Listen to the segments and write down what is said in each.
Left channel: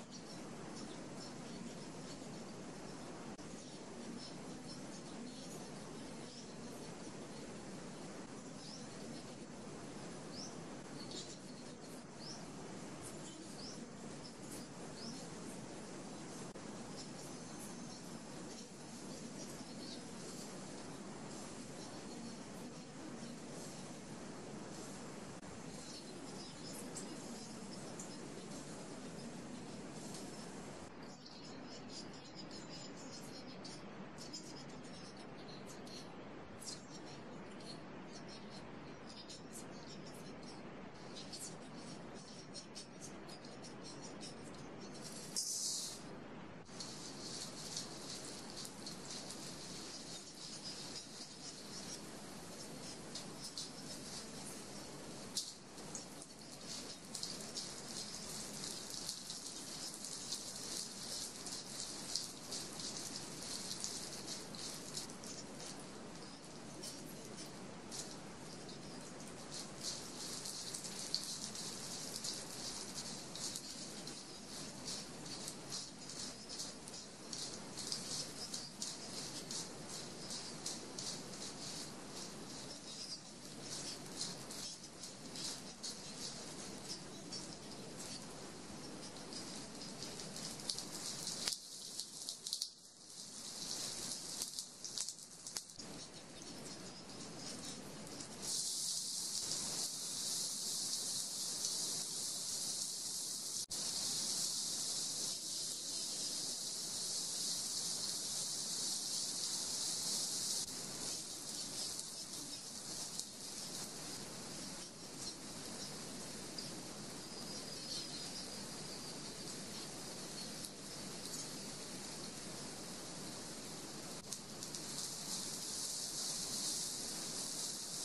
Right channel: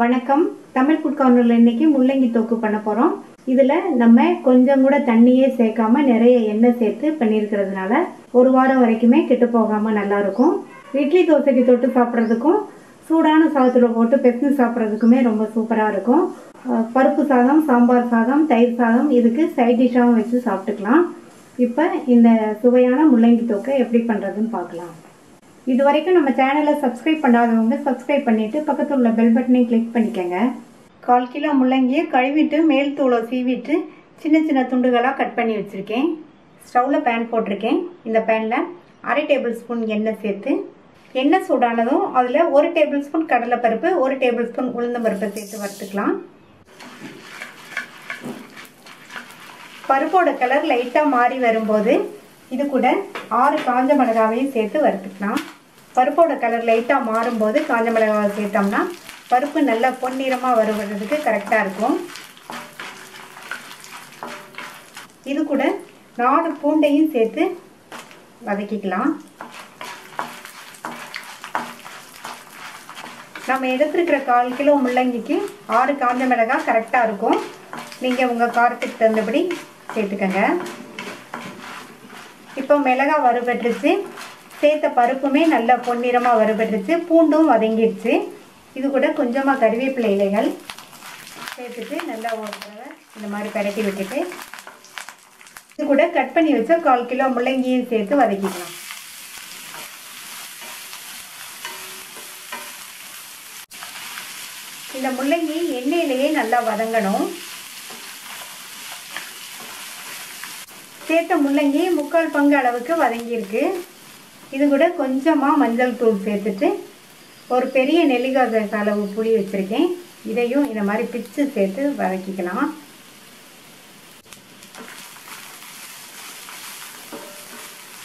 வணக்கம். தமிழ் ஃபுட் கார்னர்ல இன்னைக்கு முள்ளங்கி தொக்கு பண்ண போறோம். இதுல நம்ம கொஞ்சம் கூட தண்ணியே சேர்க்காம நிறைய எண்ணெய் சேர்த்து பண்ணியிருக்கிறதுனால ஒரு வாரம் வரைக்குமே கெட்டு போகாம நல்லா இருக்கும். இட்லி தோசைக்கு தொட்டு சாப்பிட்றதுக்கும் சூடான சாதத்துல போட்டு பெசஞ்சு சாப்பிட்றதுக்குமே ரொம்ப சூப்பரா இருக்கும். பருப்பு சாதம், சாம்பார் சாதம், தயிர் சாதம் இதுக்கு சைட் டிஷ்ஷாகவும் வச்சு சாப்பிட்டுக்கலாம். இப்போ இந்த சுவையான முள்ளங்கி தொக்கை எப்படி பண்றதுன்னு பார்க்கலாம். இது வரைக்கும் நம்ம சேனலை சப்ஸ்கிரைப் பண்ணாதவங்க சப்ஸ்கிரைப் பண்ணிட்டு பக்கத்தில் உள்ள பெல் பட்டனையும் கிளிக் பண்ணிக்கோங்க. 1/4 கிலோ முள்ளங்கியை கழுவிட்டு மேல் தூளை சீவிட்டு சின்ன சின்ன துண்டுகளாக கட் பண்ணி வச்சுருக்கேன். ஸ்டவ்வில் பேன் போட்டிருக்கேன். இந்த பேனில் 1/2 டேபிள் ஸ்பூன் எண்ணெய் சேர்த்து எண்ணெய் சூடானதும் அதில் 1 டேபிள் ஸ்பூன் கடலைப்பருப்பு, 1 டேபிள் ஸ்பூன் உளுந்தம்பருப்பை சேர்த்து வறுத்துக்கலாம். பருப்போட கலர் லைட்டாக மாறி வரும்போது இது கூட 6 காஞ்ச மிளகாவையும் சேர்த்து வறுத்துக்கலாம். பருப்போட கலர் லைட்டாக மாறும்போது காஞ்ச மிளகாவை சேர்த்தோம்னா பருப்பு நல்லா பொன்னிறமாக வருவதுக்கு கரெக்டாக இருக்கும். இது கூட 4 பூண்டையும் சேர்த்து வதக்கிக்கலாம். நம்ம எடுத்துருக்கிற 1/4 கிலோ முள்ளங்கிக்கு 6 காஞ்ச மிளகாய் கரெக்டாக இருக்கும். நீங்கள் உங்கள் காரத்துக்கு தகுந்தபடி சேர்த்துக்கங்க. இப்போ மிளகாய் வறுபட்டுருச்சு, சேர்த்த பருப்புமே நல்லா பொன்னிறமாக வறுபட்டுருச்சு, பூண்டும் வதங்கிடுச்சு. இது கூட கொஞ்சமாக கறிவேப்பிலை இலைகள் சேர்த்துட்டு நல்லா ஒரு தடவை இந்த மாதிரி பரட்டி விட்டுட்டு இது கூட கட் பண்ணி வச்ச 1/4 கிலோ முள்ளங்கியும் சேர்த்து வதக்கிக்கலாம். இந்த முள்ளங்கி எண்ணெயிலேயே நல்லா வதங்கணும். சேர்த்த முள்ளங்கி 3/4 பங்கு அளவுக்கு வதங்கியிருக்கு. இது கூட கொஞ்சமாக மஞ்சள் தூள் சேர்த்துட்டு ஒரு பெரிய நெல்லிக்காய் சைஸ் அளவு புளி வச்சுருக்கேன். இதையும் இந்த மாதிரி பிச்சு சேர்த்து வதக்கிக்கலாம்.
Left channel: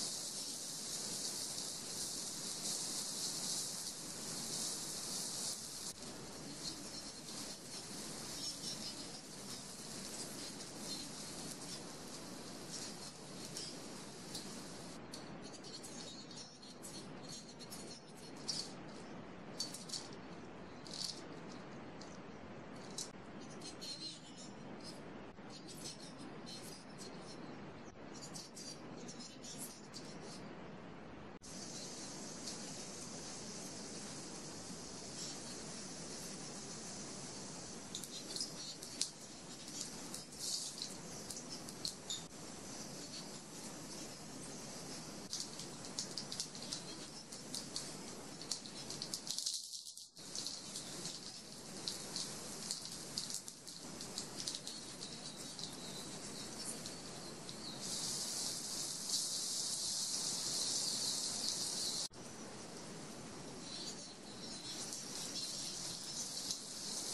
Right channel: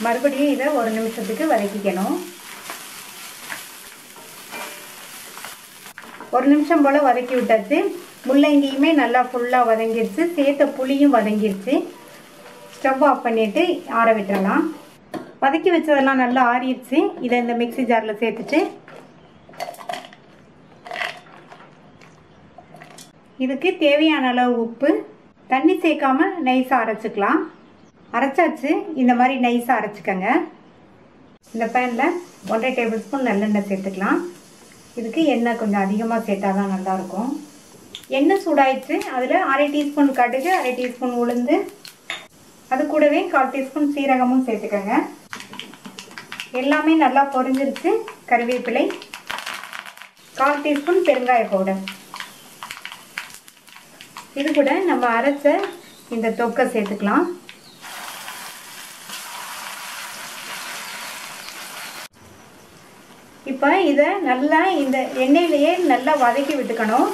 மறுபடியும் இதை 1 நிமிஷத்துக்கு வதக்கிக்கணும். 1 நிமிஷம் போல் வதக்கி விட்டாச்சு. முள்ளங்கியுமே நல்லா ஃபுல்லாக வதங்கிடுச்சு, சேர்த்த புளியும் வதங்கிடுச்சு. ஸ்டவ் ஆஃப் பண்ணிவிட்டு ஆற விட்டுறலாம். வதக்கி வச்சதெல்லாம் நல்லா ஆறிடுச்சு. இதை இந்த மிக்ஸி ஜாரில் சேர்த்துட்டு இதுக்கு தேவையான அளவு உப்பு, தண்ணி சேர்க்காம நைஸாக அரைச்சிக்கலாம். அரைச்சாச்சு. இந்த மாதிரி நைஸாக அரைச்சிக்கங்க. இந்த பேனில் 1/2 டேபிள் ஸ்பூன் நல்லெண்ணெய் சேர்த்துக்கலாம். இதுக்கு எண்ணெய் கொஞ்சம் அதிகமாக சேர்த்தா தான் நல்லாயிருக்கும். எண்ணெய் சூடாயிடுச்சு. அதில் 1/2 டீஸ்பூன் கடுகு, 1/2 டீஸ்பூன் உளுந்து, அது கூடவே 1/4 டீஸ்பூன் சீரகமும் சேர்த்துக்கோங்க. எல்லாமே நல்லா பொரிஞ்சிருச்சு. கறிவேப்பிலை, 1/4 டீஸ்பூன் பெருங்காய பவுடர், இது கூட நம்ம அரைச்ச இந்த தொக்கை சேர்த்துக்கலாம். இப்போ இதை நல்லா இந்த எண்ணெயிலேயே நல்லா வதக்கி விட்டுக்கணும்.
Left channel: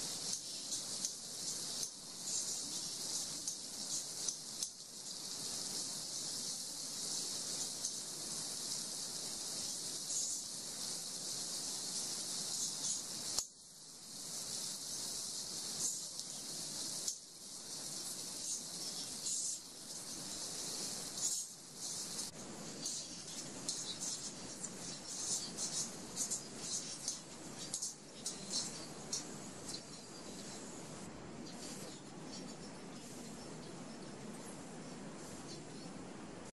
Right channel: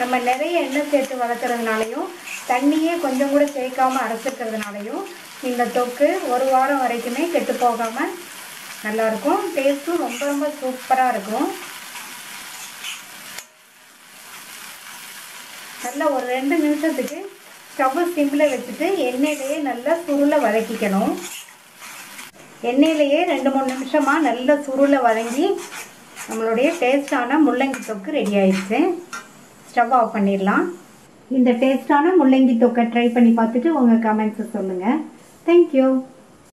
நம்ம நிறைய எண்ணெய் சேர்த்து வதக்கிறதுனாலையும் தண்ணியே கொஞ்சம் கூட சேர்க்காம அரைச்சிக்கிறதுனாலையும் இந்த தொக்கு ஒரு வாரம் வரைக்குமே கெட்டு போகாமல் நல்லாயிருக்கும். டேஸ்ட்டும் ரொம்ப ரொம்ப சூப்பராக இருக்கும். நல்லா ஒரு 2 நிமிஷத்துக்கு ஸ்டவ் சிம்மில் வச்சுட்டு எண்ணெயிலேயே நல்லா சுருளை வதக்கிக்கணும். எண்ணெயிலேயே 2-3 நிமிஷமாக நல்லா சுருளை வதங்கி நம்மளுடைய டேஸ்டான முள்ளங்கி தொக்கு ரெடி ஆயிடுச்சு. ஸ்டவ் ஆஃப் பண்ணிடலாம். இந்த டேஸ்டான முள்ளங்கி தொக்கை ட்ரை பண்ணி பார்த்துட்டு உங்கள் கமெண்ட்ஸை சொல்லுங்கள். தேங்க்யூ.